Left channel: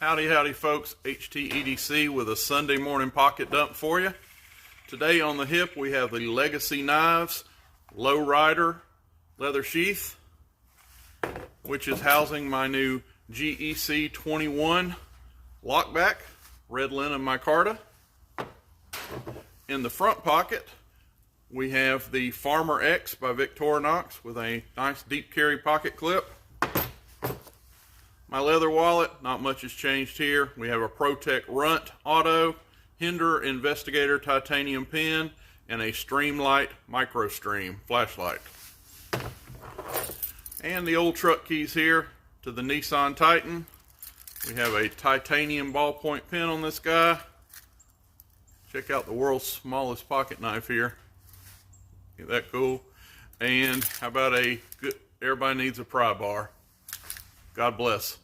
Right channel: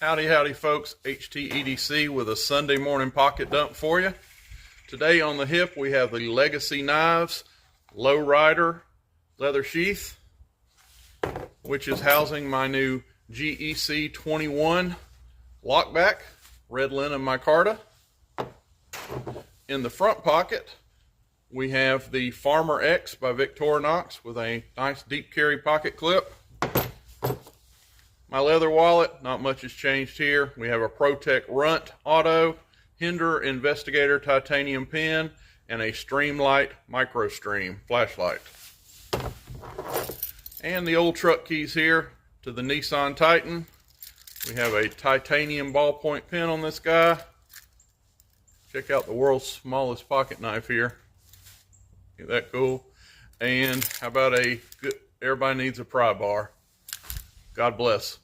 Howdy, howdy folks, HTEDC with a Sunday morning pocket dump for you. Today on the hip we have the Legacy Knives Low Rider leather sheath, which is housing my new GEC 21 lockback, red linen micarta. In the front pocket we have the Farmer X by Victorinox with a nice deep carry pocket clip. My leather wallet, not much has changed here. We have a ProTech Runt Auto, Hinder Investigator titanium pen, and a Streamlight Micro Stream flashlight. And the old truck keys here to the Nissan Titan. We have a titanium ballpoint pen on this guy. Check out the world's smallest pocket knife here. Isn't that cool? And how about everybody needs a pry bar. God bless.